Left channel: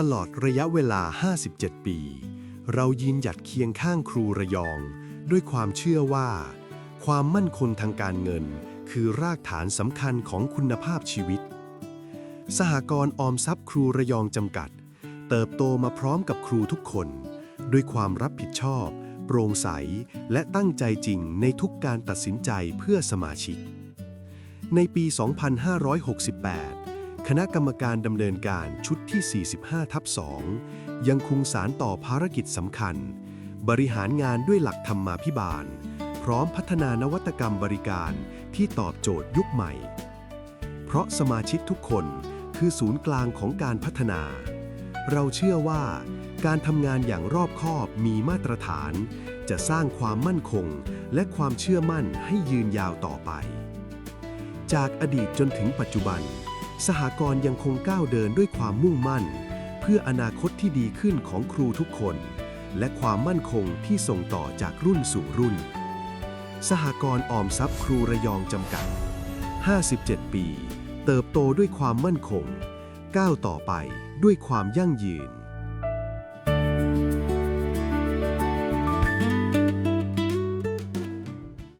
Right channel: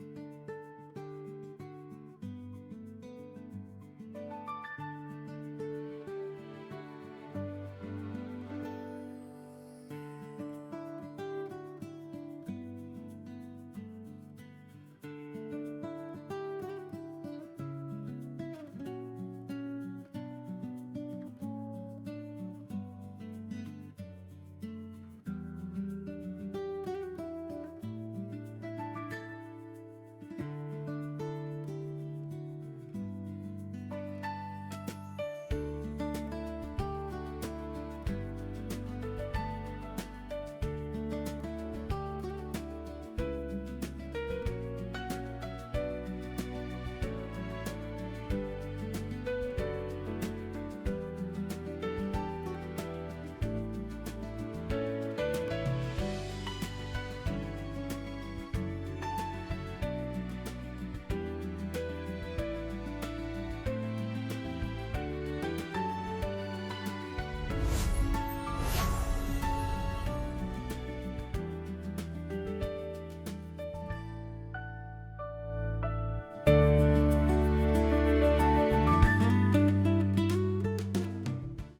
ตลอดระยะเวลา 57 ปี เรายืนหยัดเคียงข้างครูระยอง ด้วยความเชื่อว่า ความมั่นคงทางการเงิน คือรากฐานสำคัญของคุณภาพชีวิต สหกรณ์ออมทรัพย์ครูระยองจำกัด เติบโตมาพร้อมกับครูทุกคน ด้วยความรับผิดชอบ โปร่งใส และตั้งใจจริงในทุกการตัดสินใจเพื่อสมาชิก ในปี 2568 คณะกรรมการดำเนินการชุดที่ 45 ทับ 2 ยังคงสารต่อภารกิจสำคัญ บริหารงานด้วยหลักธรรมาภิบาล พร้อมพัฒนานวัตกรรมบริการที่ตอบโจทย์ยุคใหม่ เพราะสมาชิกทุกคนคือศูนย์กลางของการพัฒนา เราเชื่อว่าการทำงานอย่างรอบคอบมีมาตรฐาน จะสร้างความมั่นคงและความเชื่อมั่นให้ยืนยาวต่อไป จากอดีตจนถึงปัจจุบัน สหกรณ์ยังคงก้าวเดินด้วยความมุ่งมั่น เพื่ออนาคตที่ดีขึ้นของครูทุกคน และความมั่นคงที่ส่งต่อจากรุ่นสู่รุ่น สหกรณ์ออมทรัพย์ครูระยองจำกัด 57 ปี เติบโตด้วยความมั่นคง ก้าวต่อไปด้วยความยั่งยืน